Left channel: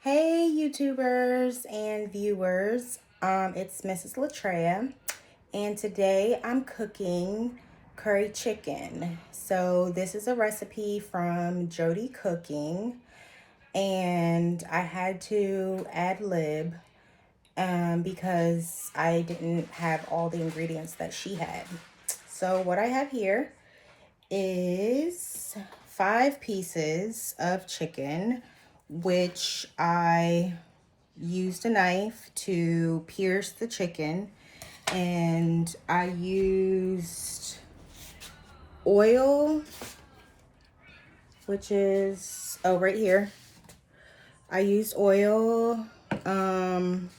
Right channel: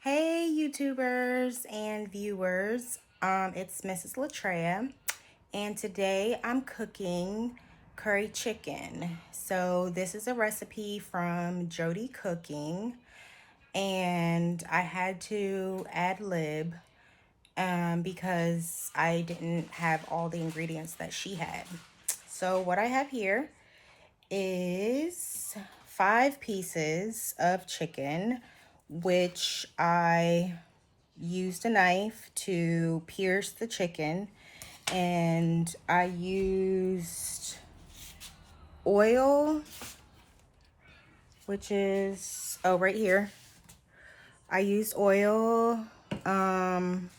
Hey YouTubers and viewers, it's Mrs. Latreia, and today I'm cooking curry chicken. So this is a recipe from Jody Cooking, and I had to ad lib because I didn't have all the ingredients that she had. So what I have here is 5 pieces of chicken, which I used a knife to pierce the chicken, and I used oil, which is right here. I used oil. I don't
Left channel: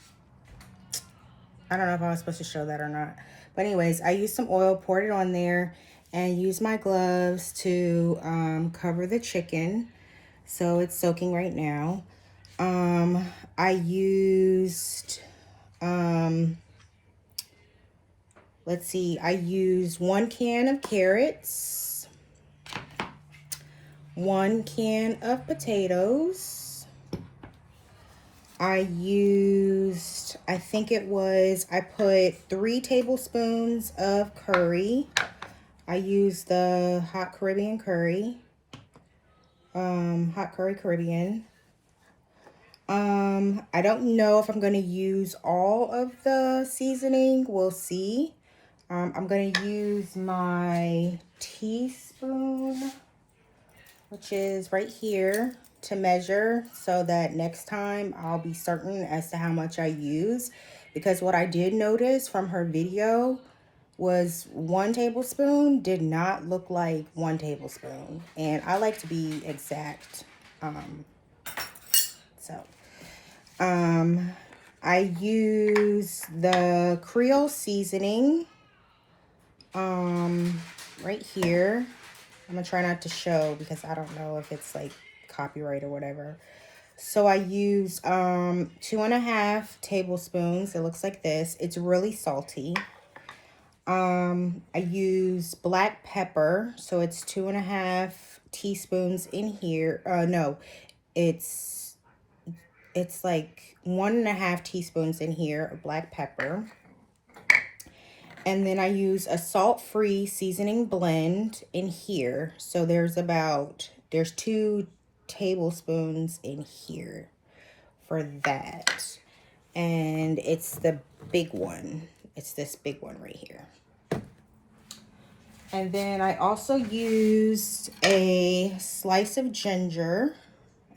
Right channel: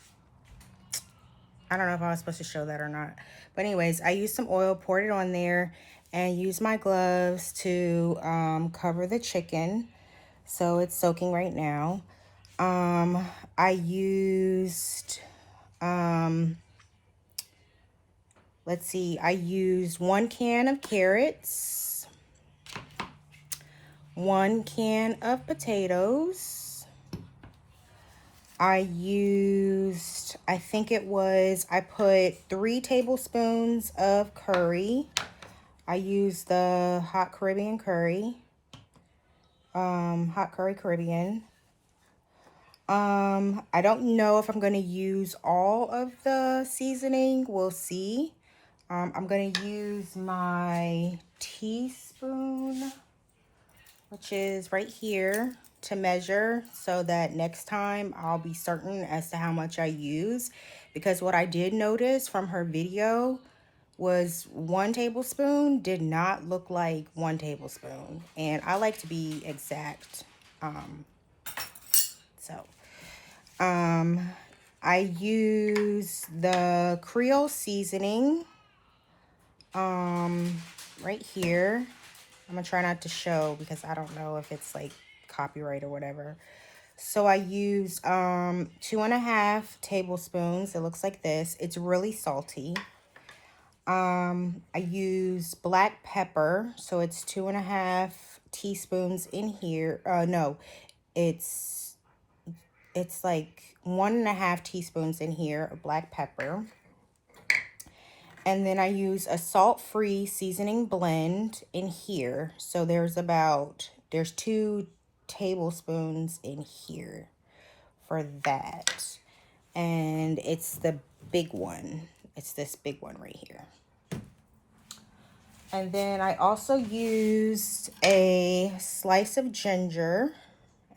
know if I was supposed to show that or not, but anyways, I used some oil, poured it on there, and used my gloves to cover the chicken, so it's soaking right now. I used let's see, I used 1 can of carrots, 1 can of potatoes. I used, I put 3 tablespoons of curry. I used the hot Caribbean curry, hot curry Caribbean. I don't know if I'm going to use all of the seasoning. We'll see. I'm going to use my teaspoon, which is right here, to measure so that next time I'll be certain as to how much I use. Because what I did notice from her video was 1 tablespoon did not look like 1 tablespoon. And I like to be exact. I use the Creole seasoning right here. I'm gonna try not to show because I don't know if it's like copyright or whatever. So I use 2.5 tablespoons. It looks like this. It's really salty. I use black pepper, so it's 2.5 teaspoons in here. No, it's like 1.5 teaspoons in here of black pepper. And then I use a salt-free seasoning blend in here. So there's 2 tablespoons in here for that. And it's the big one. It's this big one right here. And then I also used a slice of ginger,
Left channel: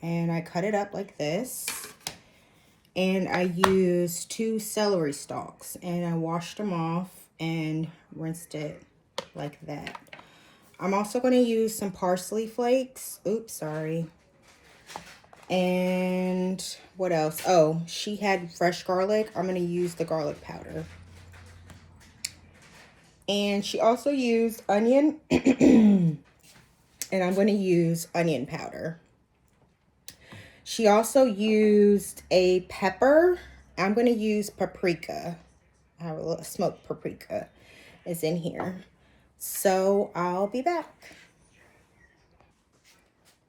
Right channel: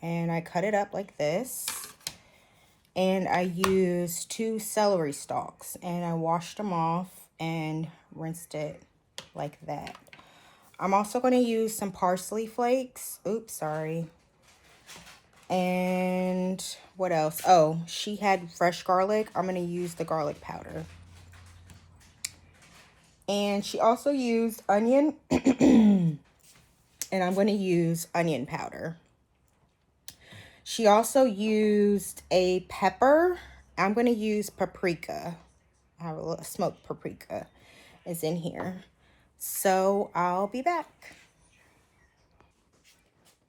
and I cut it up like this. And I used 2 celery stalks, and I washed them off and rinsed it like that. I'm also going to use some parsley flakes. Oops, sorry. And what else? Oh, she had fresh garlic. I'm going to use the garlic powder. And she also used onion, and I'm going to use onion powder. She also used a pepper. I'm going to use paprika. I have a little smoked paprika is in here. So I'll be back.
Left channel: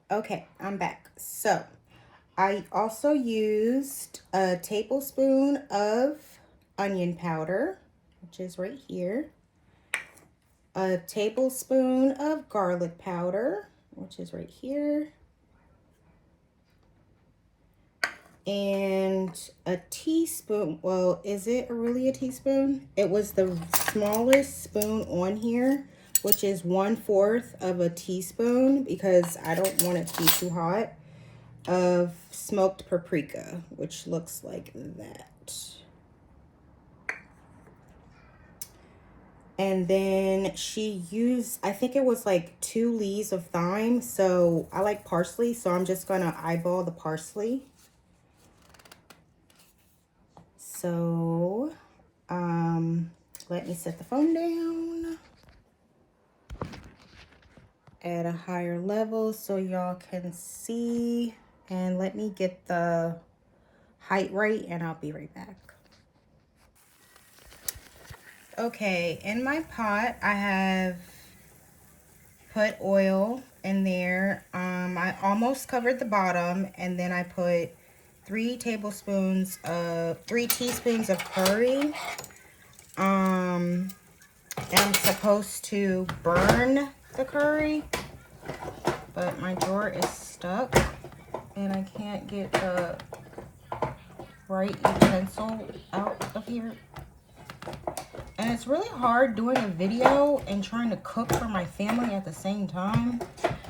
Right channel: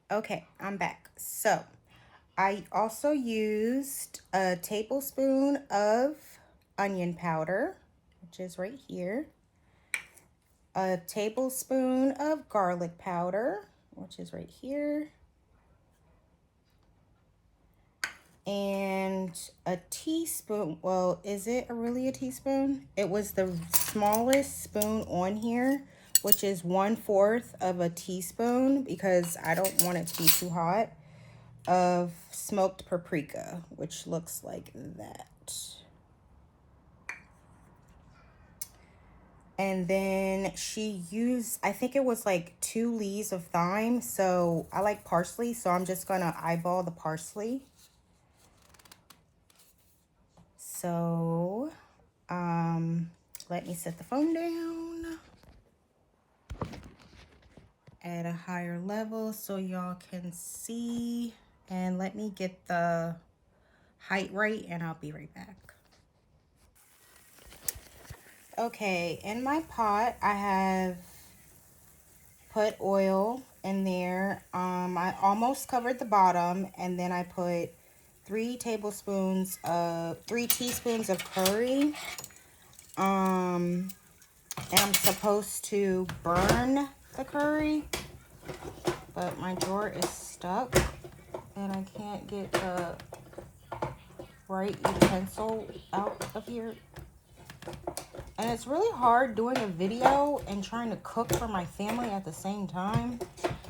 Okay, I'm back. So I also used a tablespoon of onion powder, which is right here. A tablespoon of garlic powder, which is right here. And a teaspoon, well, is it really a teaspoon? It was the smallest spoon on here, which is 1/4 of a teaspoon because I don't want it to be too hot, of smoked paprika, which looks like that. And then she used, I think it was like 2 leaves of thyme. So I like parsley, so I'm just gonna eyeball the parsley. So, let me set the phone down at a higher level so y'all can see. And let me get the height right, and I'll be right back. Okay, in my pot, I have put oil in there. I almost covered the bottom, and then I put 3 teaspoons of curry. And I'm supposed to burn the curry, but my drawer is stuck and I can't get the right utensil out of here. And it's really hard doing a video and trying to cook for my family at the same time,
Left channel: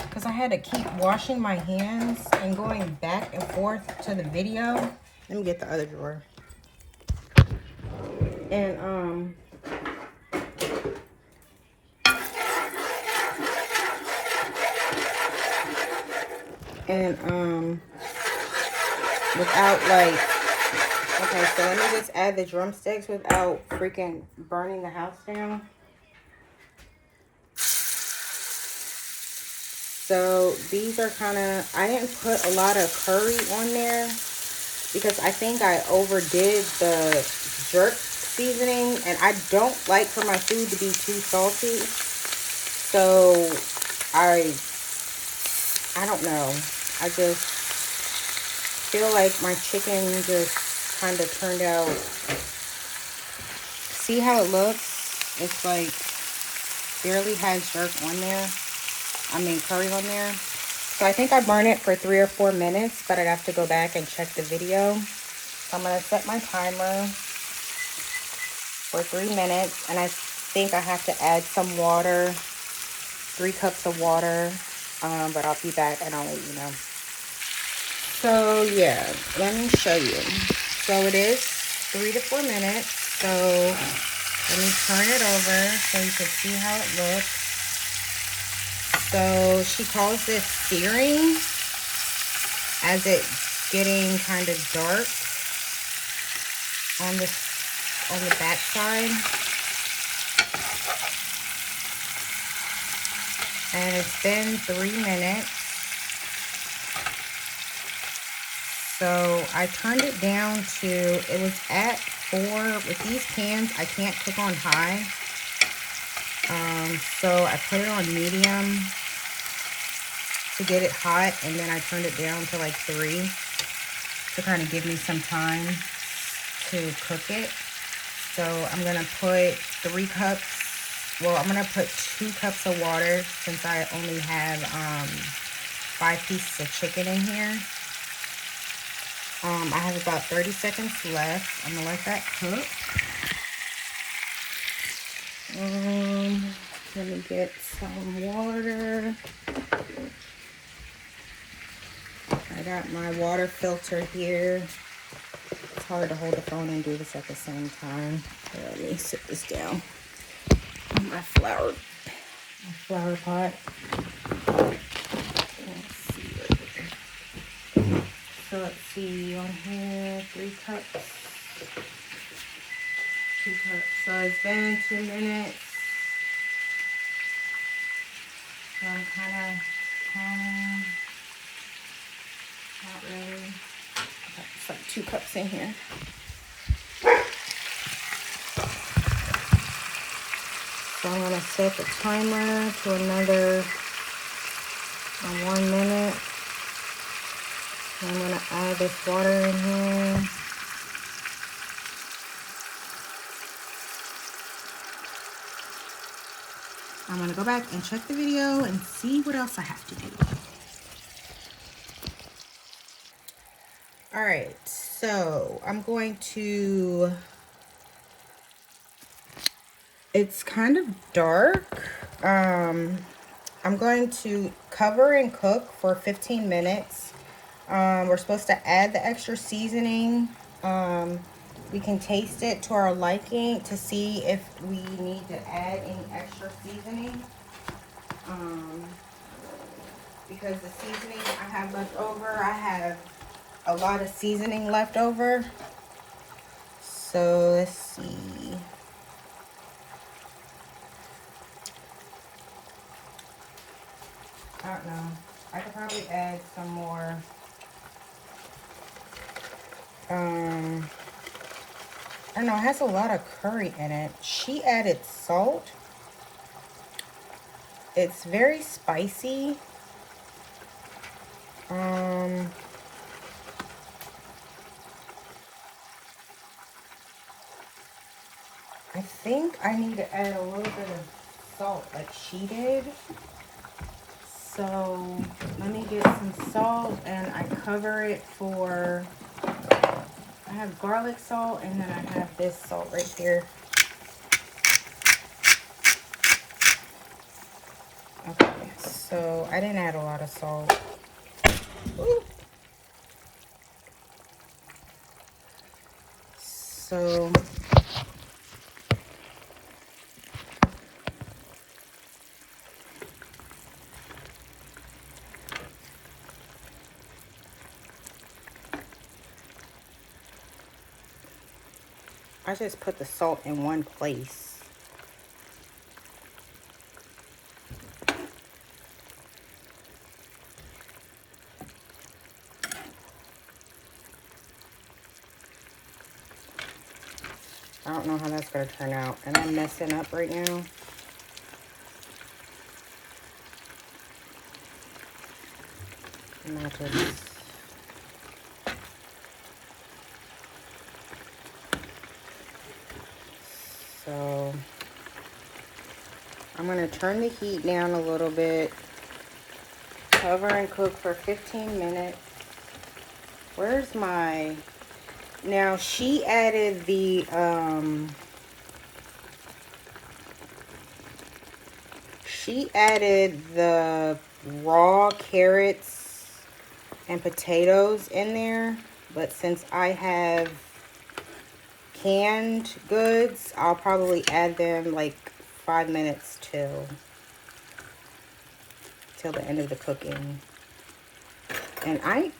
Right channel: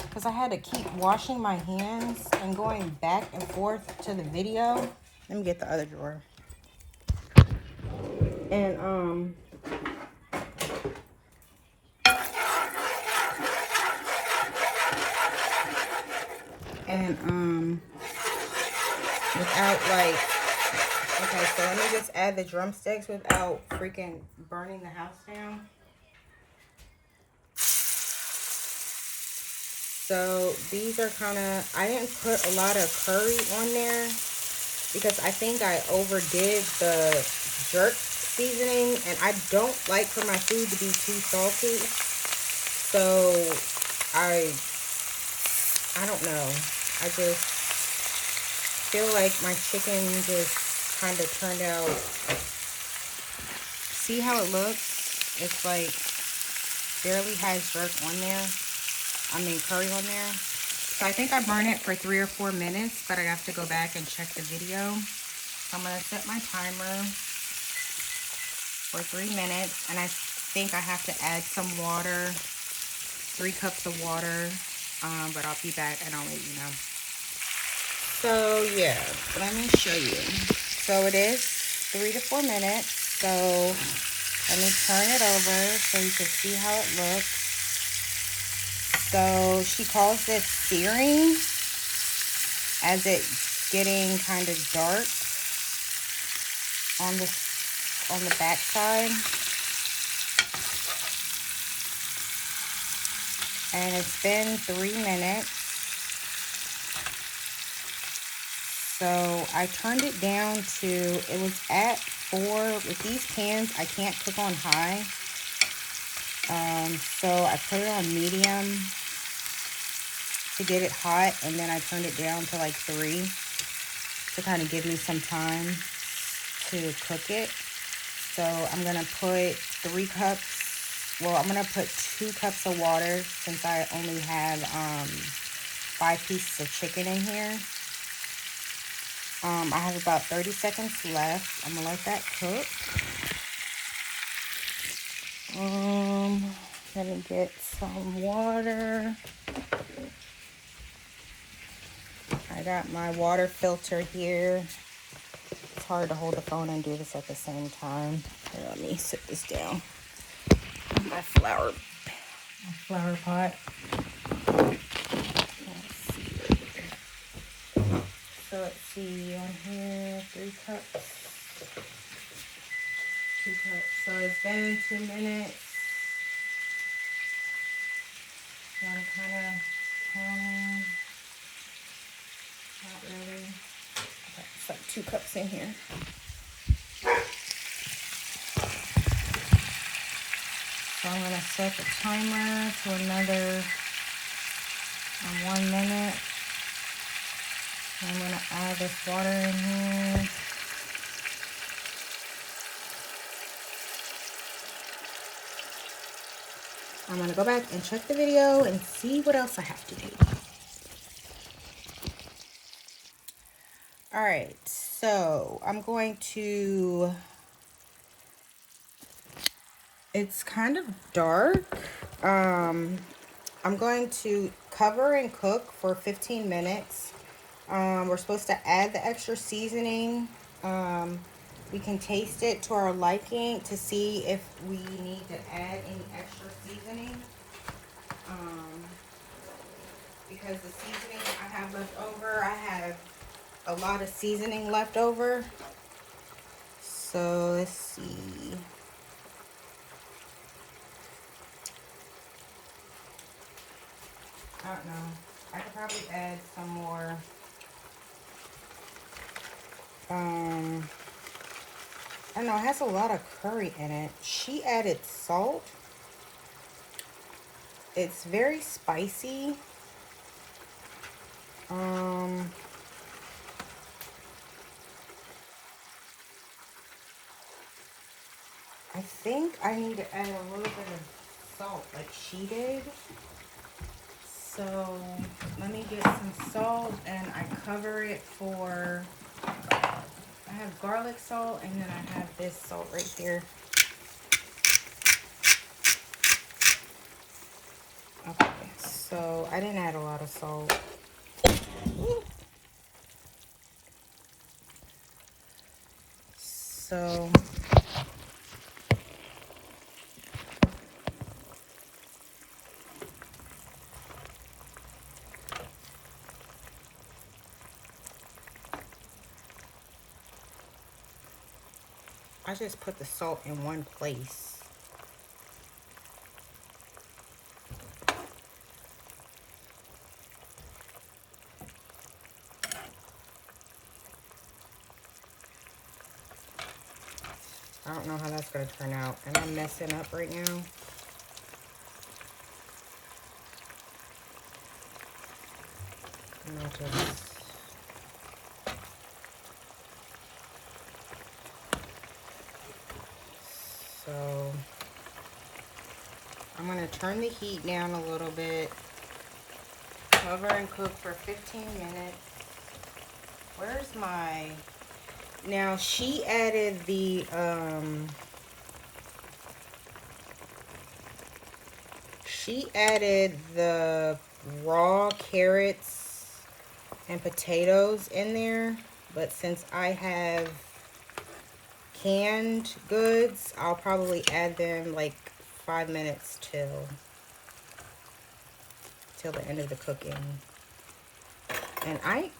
because I had to keep washing my hands and going back and forth to the video. Let me get the other drawer. And without like, okay, so let me just add the drumsticks without freaking burning the house down. So these are kind of, I didn't put a lot of curry on there because I think I overdid the jerk seasoning, and I don't like for my food to be too salty. So I don't know. I just feel like my chicken just kind of turned out. See how it looks? It's like barely has jerk on there. I mean curry on there. So I think I burned it for 3 or 4 minutes, but I have to go back and check the video. So I'm going to set my timer for 3 minutes, and I think I have to add some water, 3 cups of water, but I'll be back and I'll let you know. So yeah, let me show you. So it is 3 to 4 minutes. So let me turn it over so you can see how it looks. So she calls this searing, as it's getting kind of dark on the back side. And it's been 3 minutes. So I turned it down to, it was at 4. With these pans, I can't cook on high. So I put it on medium to get it hot, and then I turned it down to like 3 to kind of give me some time to cook it. So I'm going to put 3 cups, well, I'm going to put 2 cups of water since I only have 5 pieces of chicken in here. I have about 30 seconds left. I'm going to let that cook. Let me get some water. I got my water filter here. It's hard to hold the phone and do this at the same time. Here, let me sit this down on my flower pot. So let's see, on here, 3 cups, 2 cups. So it's been 2 minutes. So I'm kind of not ready. Okay, it's like 2 cups in here. So I'm gonna set the timer to another 1 minute. I'm gonna add this water in here. I'm gonna go back and check the video and see what else I have to do. All right, so I'm going to, it's kind of dark. I'm going to cover and cook for 15 minutes. We're supposed to add the extra seasoning. We can taste it to our liking to see if we need to add any extra seasoning. Because the seasoning I have left over, I have a lot of seasoning left over. So let's see. I don't know. I could probably add some more. I don't know. It has a lot of curry in it. She added salt. It's very spicy. think I need to add a little bit of salt like she did. So let me get some salt and I cover it for, I have garlic salt and then I have this salt right here. Okay, so I didn't add a lot of salt. Ooh. So I just put the salt in one place. I don't know how that's going to turn out. And I'm messing up right now. And I'll just... So I'm going to turn the heat down a little bit. Cover and cook for 15 minutes. Where's my... Now she added the raw carrots and potatoes in there, but since I have canned goods, I'll probably add them like 5 minutes till the end of the cooking. And I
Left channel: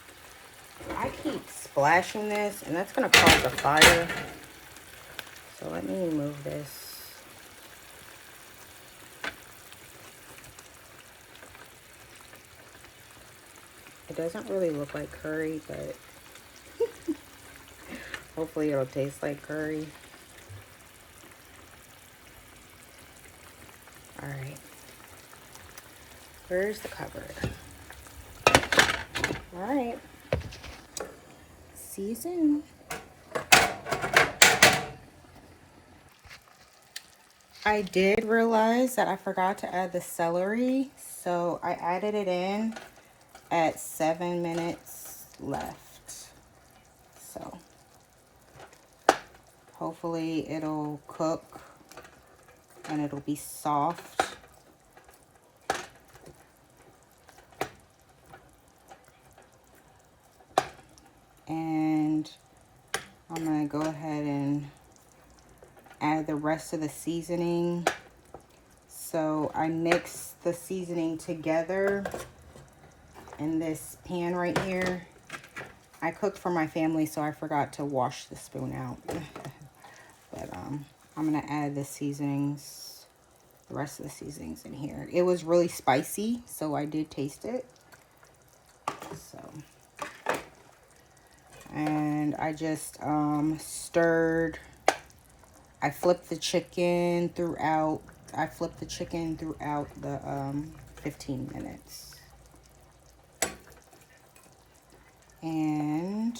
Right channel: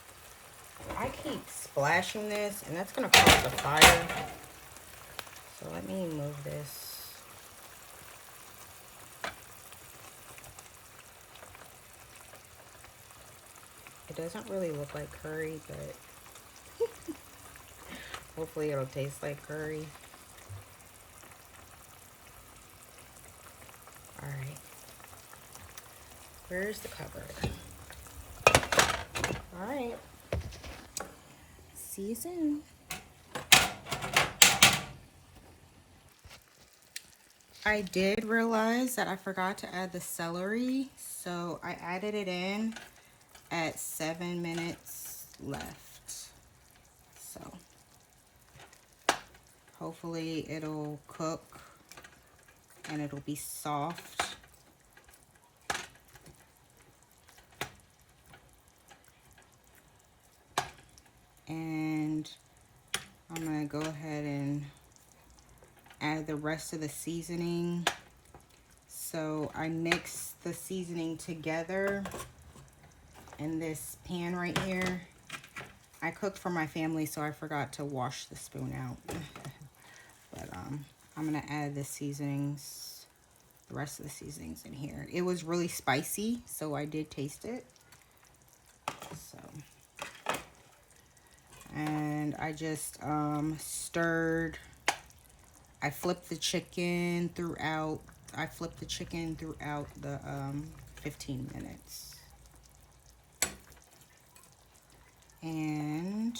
keep splashing this, and that's gonna cause a fire. So let me move this. It doesn't really look like curry, but hopefully it'll taste like curry. All right. Where's the cupboard? All right. See you soon. I did realize that I forgot to add the celery, so I added it in at 7 minutes left. So hopefully it'll cook and it'll be soft. And I'm gonna go ahead and add the rest of the seasoning. So I mix the seasoning together in this pan right here. I cooked for my family, so I forgot to wash the spoon out. But I'm gonna add the seasonings, the rest of the seasonings in here. It was really spicy, so I did taste it. So, and I just stirred. I flipped the chicken throughout. The 15 minutes. And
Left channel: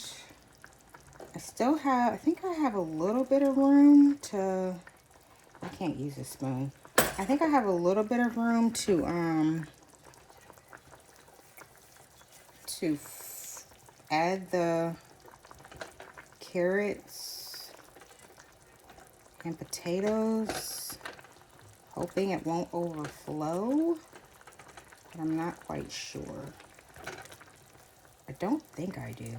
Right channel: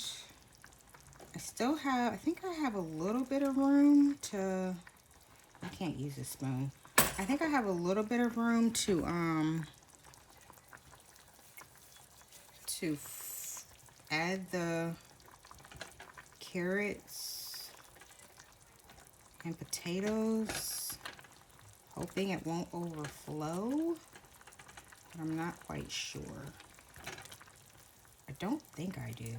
I think I have a little bit of room to, I can't use a spoon. I think I have a little bit of room to add the carrots and potatoes, hoping it won't overflow, but I'm not quite sure. I don't think I do.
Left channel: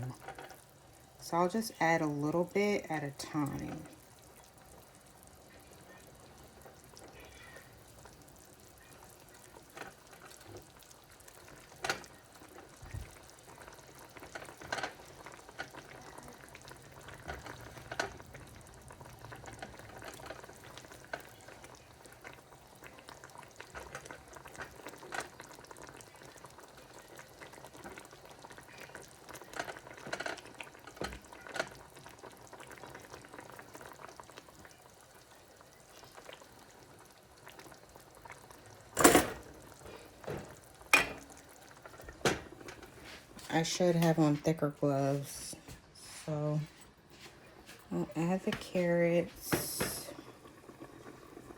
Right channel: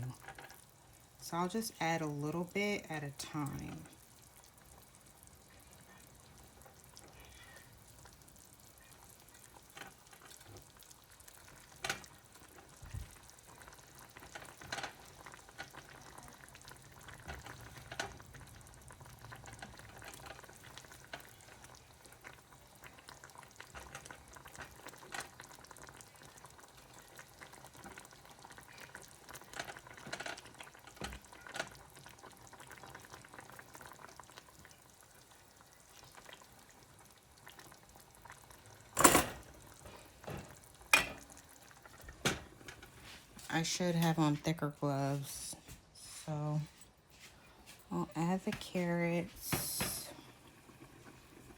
So I'll just add a little bit at a time. I should have on thicker gloves. So I'll add the carrots.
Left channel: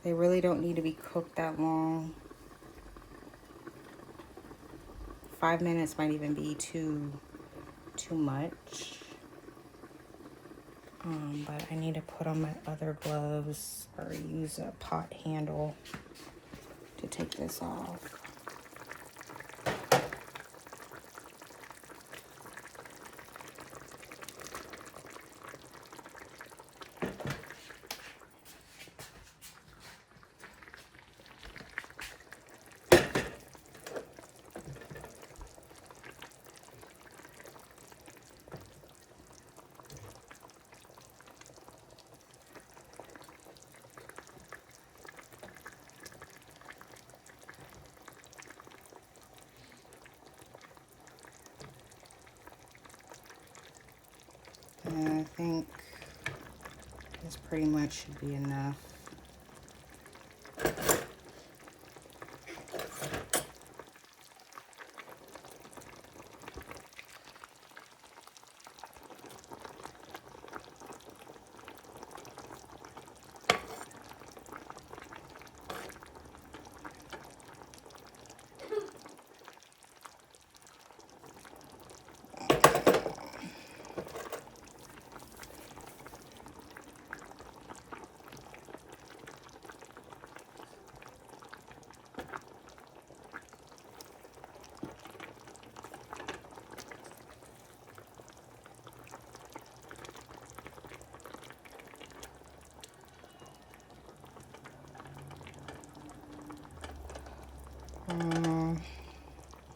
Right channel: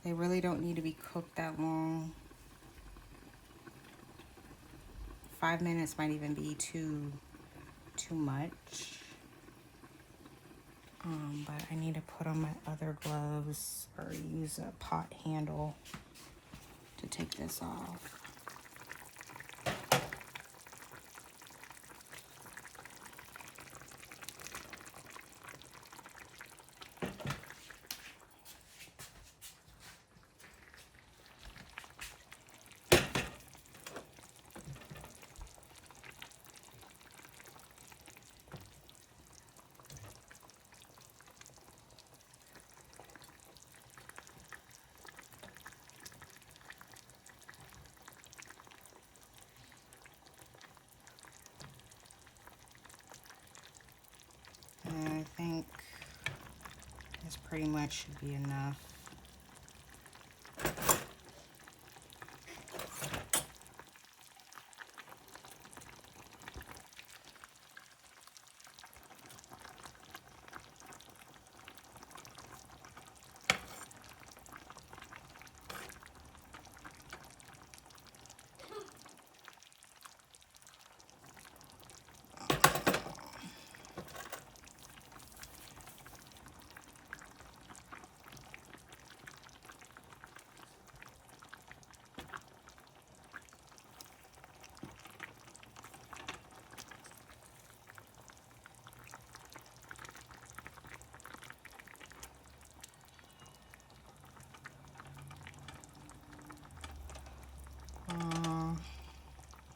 They really don't need to be cooked that long. 5 minutes might even be too much. But I need to put on my other gloves or use a pot handle to take this off. And I think this pretty much should be enough.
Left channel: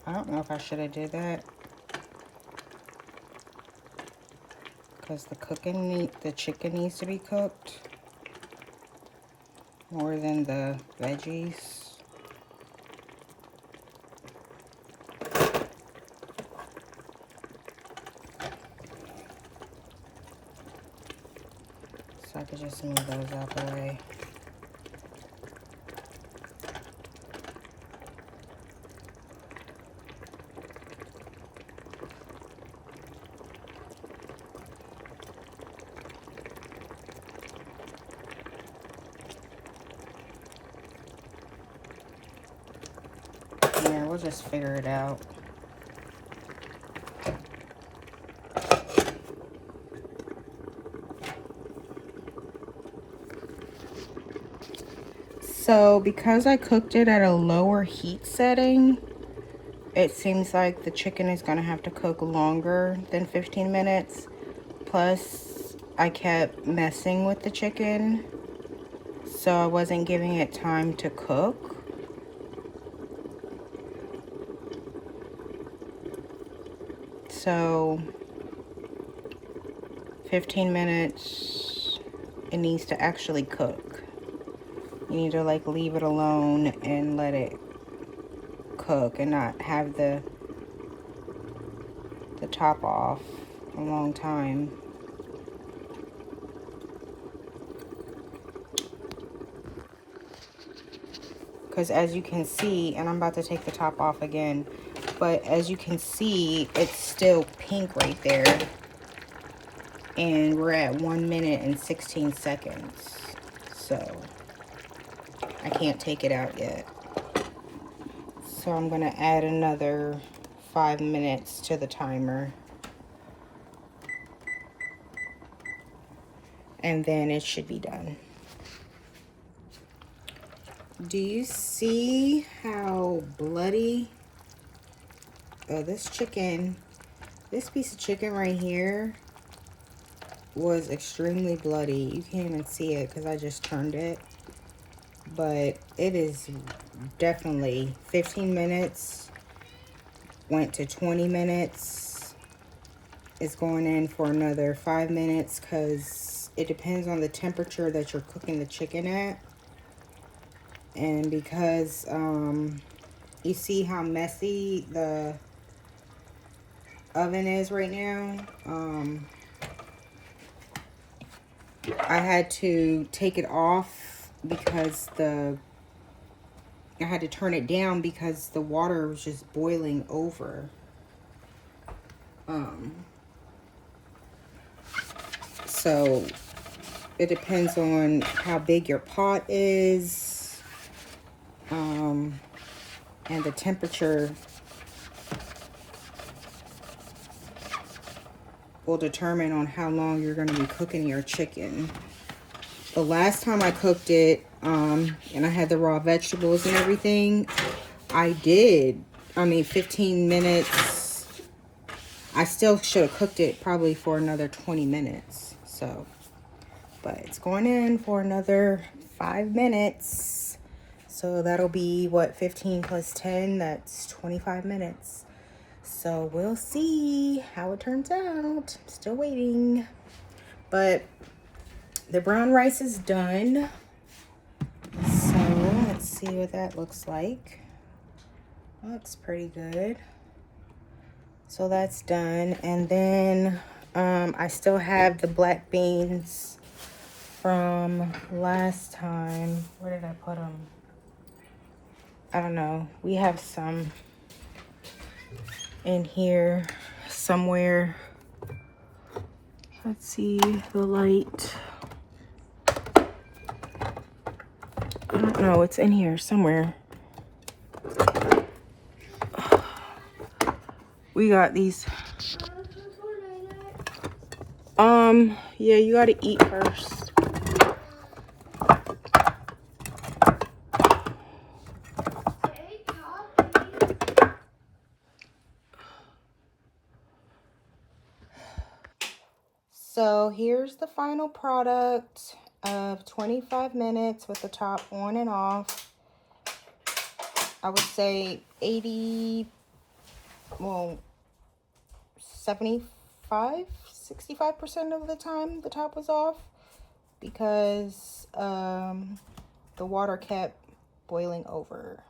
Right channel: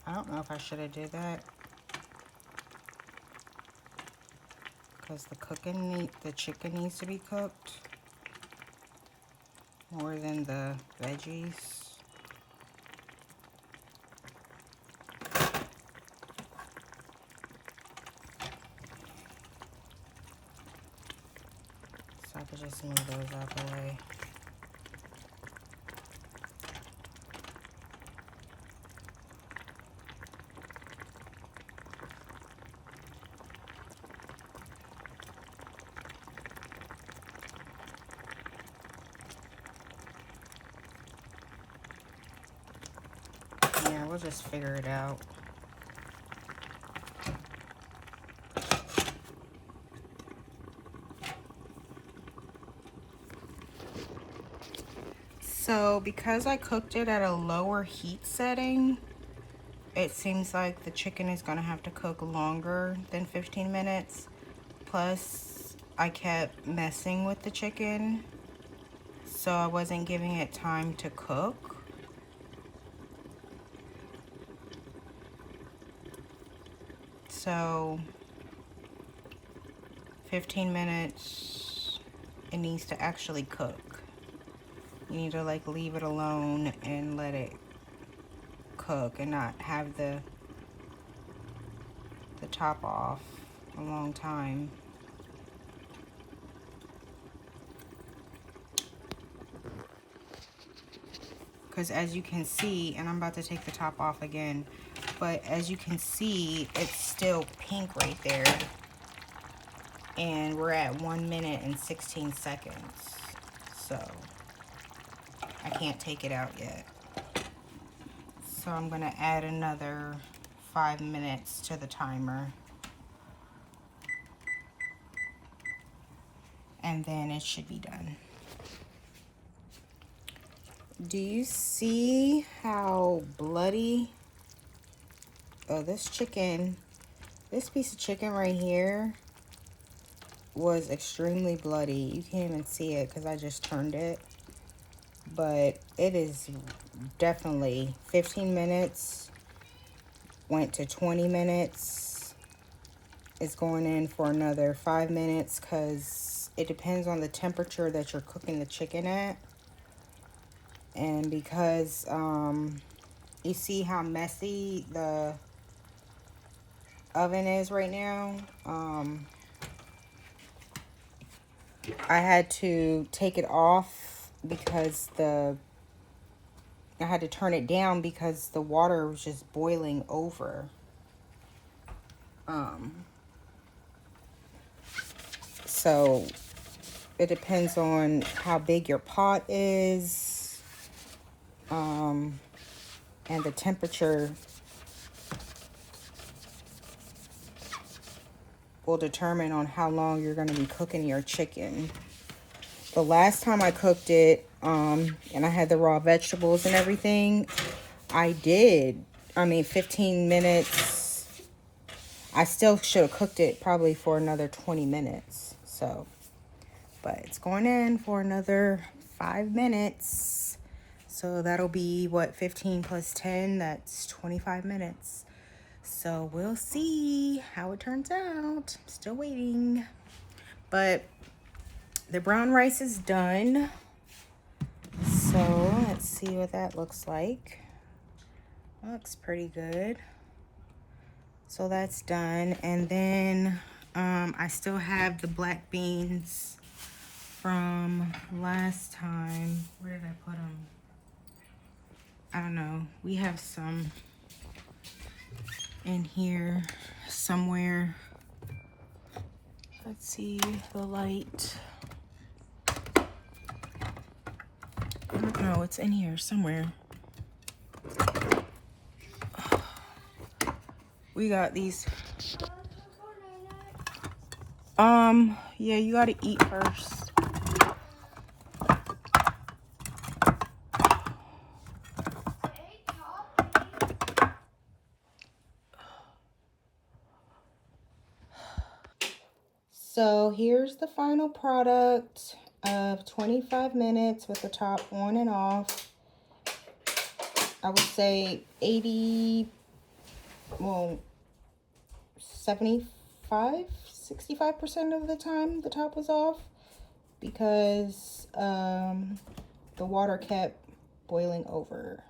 I don't know if I should have did that, because the chicken needs to be cooked more than the veggies. So I could just move those out the way. Yeah, we'll just figure it out. So because I cooked it at a lower heat setting, it seems like the chicken is going to have to cook longer than 15 minutes. Plus, I kept messing with the chicken, so I wasn't giving it time to cook. So 15 minutes, it needs to actually cook. You need to like leave it alone and let it cook and not have the top off a long time. Because as you can see, and I'm about to take the top off again, but as you can see, it's still pink right there. And we're at 1 minute and 16 seconds. So I can't take it out yet. So I'm gonna add another 5 minutes to the timer. And then it should be done. Do you see how bloody this piece of chicken right here was extremely bloody. You can't even see it because I just turned it. But it is definitely 15 minutes, went to 20 minutes. It's going in for another 5 minutes because it depends on the temperature that you're cooking the chicken at. And because you see how messy the oven is right now, I had to take it off because I had to turn it down because the water was just boiling over. So It depends on how big your pot is, and the temperature will determine on how long you're going to be cooking your chicken. The last time I cooked it, and I had the raw vegetables and everything, I did, 15 minutes. I still should have cooked it probably for another 20 minutes. So, but it's going in for another 5 minutes. So that'll be what, 15 plus 10, that's 25 minutes. So we'll see how it turns out. Still waiting. But the brown rice is done. So let's see what that looks like. Looks pretty good. So that's done. And then I still have the black beans from last time. Where did I put them? I don't know. We have some in here somewhere. Let's see the light. I don't know. It's in here somewhere. We got these. Yeah, you gotta eat first. So here's the final product of 25 minutes with the top on and off. I would say 65% of the time the top was off because the water kept boiling over.